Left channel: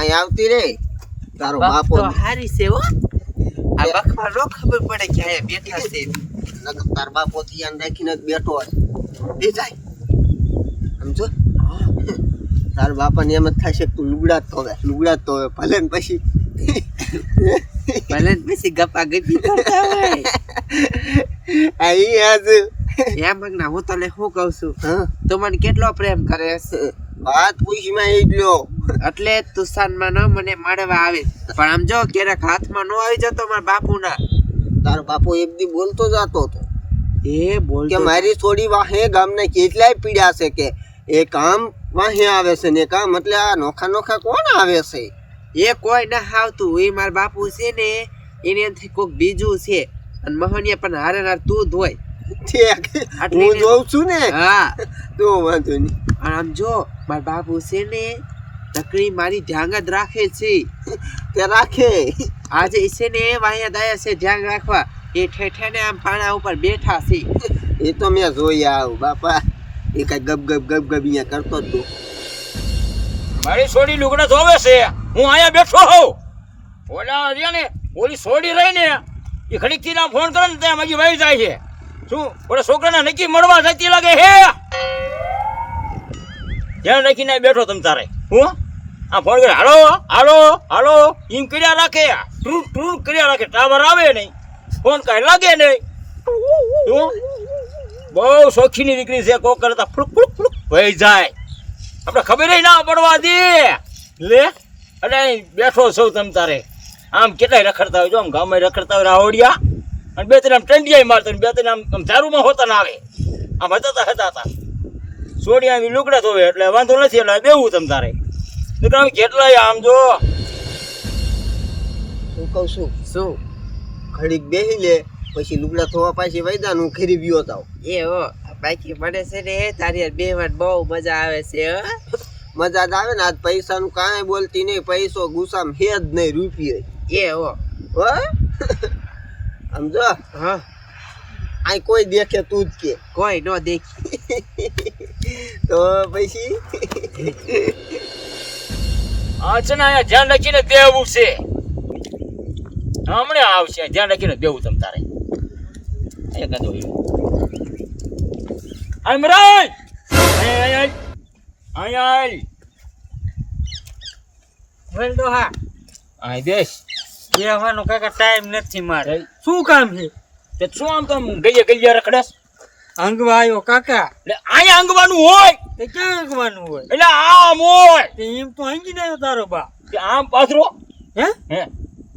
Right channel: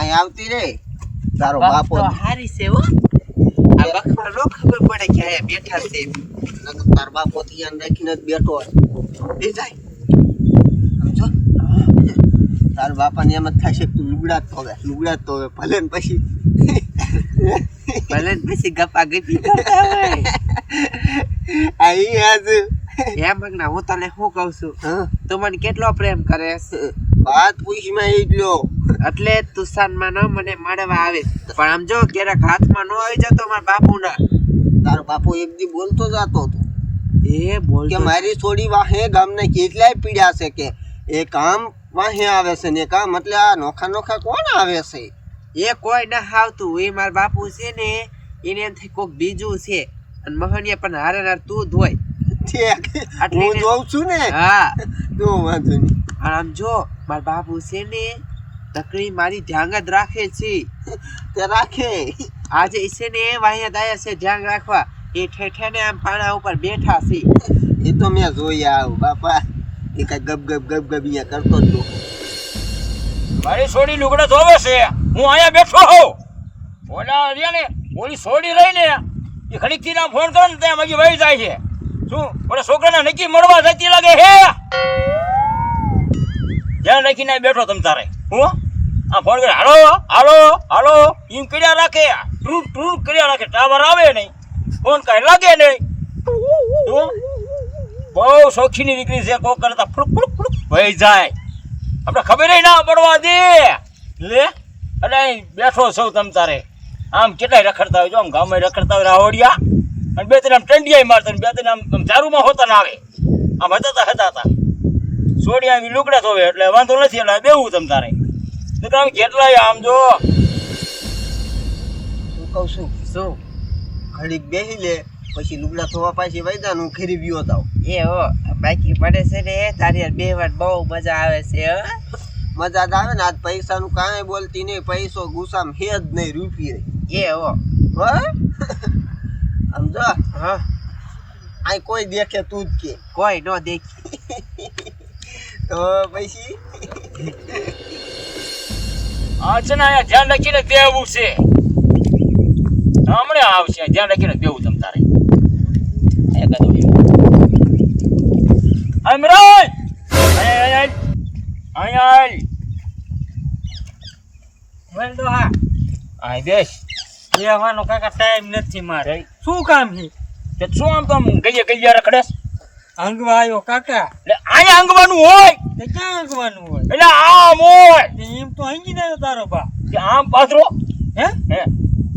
અહીં આવતી રે તારો બાપો તો હારી છે હો આ બખવા નો ખબર પડે કે આયા બેઠા છે તાર બાપો ધ્યાન રાખીને જ બેઠો એ જાય સમજો તાર બાપાને એમ જ થશે તું લુગડા જ ધોવે ભલે ને પછી ગપ્પા ગપી કરતા હોય અહીં આજુ એમ મગના હું તને શું કહું છું તું મને કેટલો પ્રેમ કરે વાત પૂછમાં એટલો એટલે તુસાનમાં ન મને મળવા આવે પણ આમ જો ક્યારેક હાથમાં ન આવી જતો મારા બાપુના તારો બાપો એક દી બોલતો જતો હતો એ બોલ કે મારી થોડી વાહે ગામને કેટલાય પીડ્યા છે કે એ કામ વાહે આવે છે ને કામ એટલે આ નોખા કોણ આવે છે એ કોઈ ના આવતું એ મારા બાપુ છે ને એને એમ થાય કોક બીજું છે અને મહનિયા પણ હારે તું જ હોય હું જોઉં છું ને હા તો વાંધો નહીં અને આમ જો મારા બાપુ છે ને નકરી મારી ધ્યાન જ રાખે છે તે રાખે આજે છે ને વાહિયા દાયા છે ધ્યાન રાખવા એ ઠેઠે ને આમ પાણા ઉપર બેઠા છે એ તો મેં જોઈ આવું બાપા એ કઈ ગબ અહીંયા કરતો જ તું મારી સોડી લુગડા ધોવે છે હું અહીંયા બેઠો હોઉં ઓલા રહ્યા ને ઓલી સોડી રહી ને એ ખડીકથી ના ફોન કરે ને ત્યાં માગી વહી જાય છે શું ઓલા છોકરાને નક્કી મળવા જતી લાગે હે જ્યાં રાખીને બેઠો તમ તારે હું આ ફોન કરે હાલો એમ કર્યા રાખે ટ્રૂ કર્યા રાખે ટાવર આવે નહીં ફોન કાંઈ લાગે નહીં શું બહુ શોખીની દીકરી છે કોક કરતા ફૂક વહી જાય આપણે ખબર ના પડવા દે લે એટલે અહીં બેઠો છો તમ તારે આમ કેટલાય રખડતા હોય જો આમ ગામમાં રખડતા હોય રાવડિયા અને બે ત્રણ આમ ટંડિયા મારતા બે ત્રણ આમ ચારુમાં હોતા ના આવે આમ હતા સોડિયા આમ લુકડા ધોવે એટલે વાંધો નથી એટલે બેવું તમ તારે દીકરા આમ કેટલાય આમ જો હું કહું છું શું ઘડીક બેસી લે પછી લુગડા ધોવા પાછી વૈદા હું ખરી ગયો તાવ એ હો બાકી મને છે ને તારી યાર બેહવાની બહુ મજા આવે છે મજા જ આવે ને આજ પૈસાનું કાંઈ બોલતી નહીં પૈસો ગુસ્સામ હે જ નહીં રૂપિયો એ હો સમજો હા અહીં કોઈ દેખે તું જ કે કોઈ ન દેખી તો પછી આ છે ને અહીંયા ધ્યાન રાખીને દેવું છે હમણાં આવશે ધ્યાન રાખીને દેવું તમ તારે અહીંયા કદો અમરાન અહીંયા બોલ દો હા અહીં દેશ બેહવાનો કાકા ટાઈમ નથી મારે શું કામ છે તે શું આમ તો ગઈએ રખડે અંગવા આવ્યો કાકા એટલે અહીંયા અંગવાનું હોય તે ક્યાં અંગવાનું હોય એટલે આમ હોય તે એમ તો અંગી ને તારો બા કે આમ પાથરો હે હે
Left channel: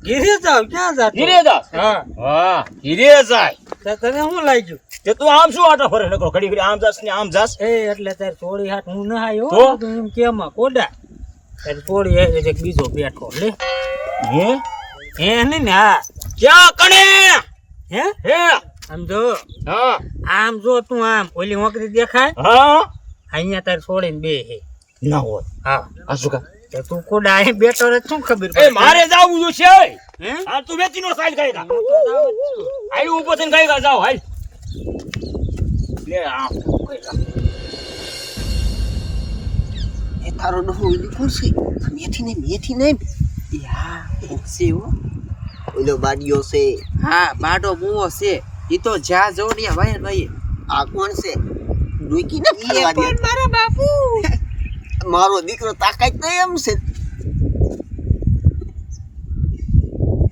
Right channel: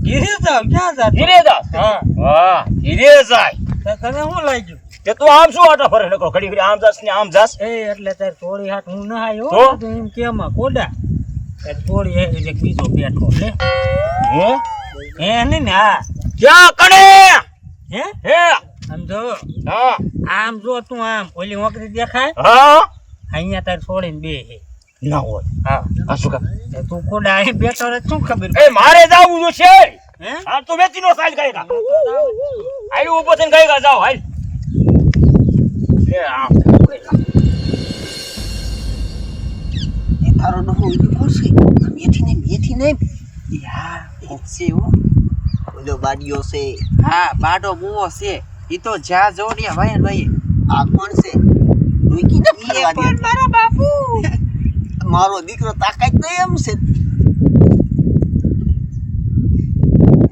ઘીરે જાવ ક્યાં જાતો ધીરેદાસ હા વાહ ધીરે જાય તે તને શું લાગ્યું તે તું આમ શું આટા ફરે નકો ઘડી આમ જાસ ને આમ જાસ એ એટલે તાર થોડી હાથ હું ના આવ્યો તો? તો એમ કેમાં કોડા તાર થોડી એક બીજો બેઠો લે હે હે ને ને હા ક્યાં કણે હે હે આમ જો હા આમ જો તું આમ ઓલી નોકરી દેખાય હા અહીંયા તાર છોડીને બે હે ના હોય હા આ શું કા તે તું કોડા અહીં બેઠો રે શું ખબર એ મારે જાવું જો છે હે આ તું વેચી નો સાઈડ કરી કા આઈ ઉભો થઈને કઈ કા જાવ હાલ લે આમ એ તારો ડહો ઉભી ખુરશી મેથી નહીં યા ઓક્સી હો ઓલો બાડિયો છે હા બાડો મુવો છે ઈ તો જ્યાં જો ને ભાઈ આ કોણ છે ડોકી ને ફરવા દે મારા બાપુ મારો દીકરો તાકાત નહીં એમ છે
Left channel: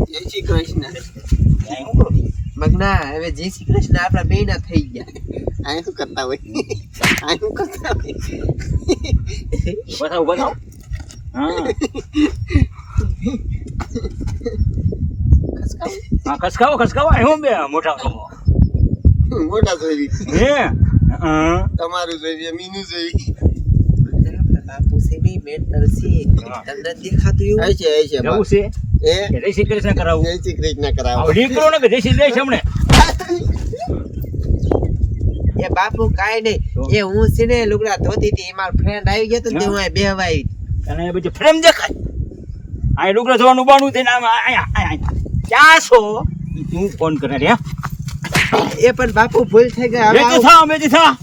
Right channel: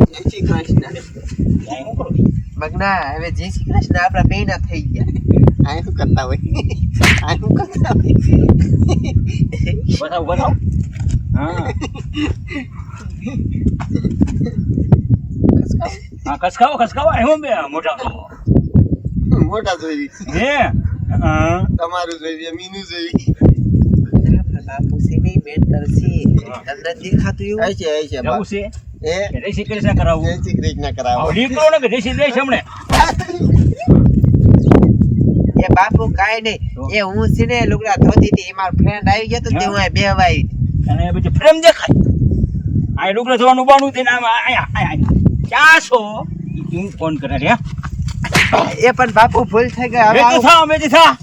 જય શ્રી કૃષ્ણ આઈ હું કરું મગના હવે જય શ્રી કૃષ્ણ આપણા બેના થઈ ગયા આ શું કરતા હોય બતાવ હા ખસકાવો હું બે મોટા જોઈ હે તમારું જોઈ મીનું જોઈ આપણા બાપુ છે નહીં મેન્ટલ છે તમને દેખાતું એવું છે જવું છે એ કે જય શ્રી કૃષ્ણ કરાવું જય શ્રી કૃષ્ણ કરાવો દીકરો ને કે જય શ્રી કૃષ્ણ હમણે એ બાપુ કાઈ નહીં એ હું છે ને લુગડા ધોતી હતી એ મારો ફ્રેન્ડ આવી ગયો તો તે હું અહીં બેહવા આવી અને પછી ફ્રેમ દેખાય આ લુગડા ધોવાનું બાનું થઈને આયા ક્યાં છો હું ફોન કરે રે એ પણ બાપુ ભૂલ થઈ ગઈ હવે મેથી થા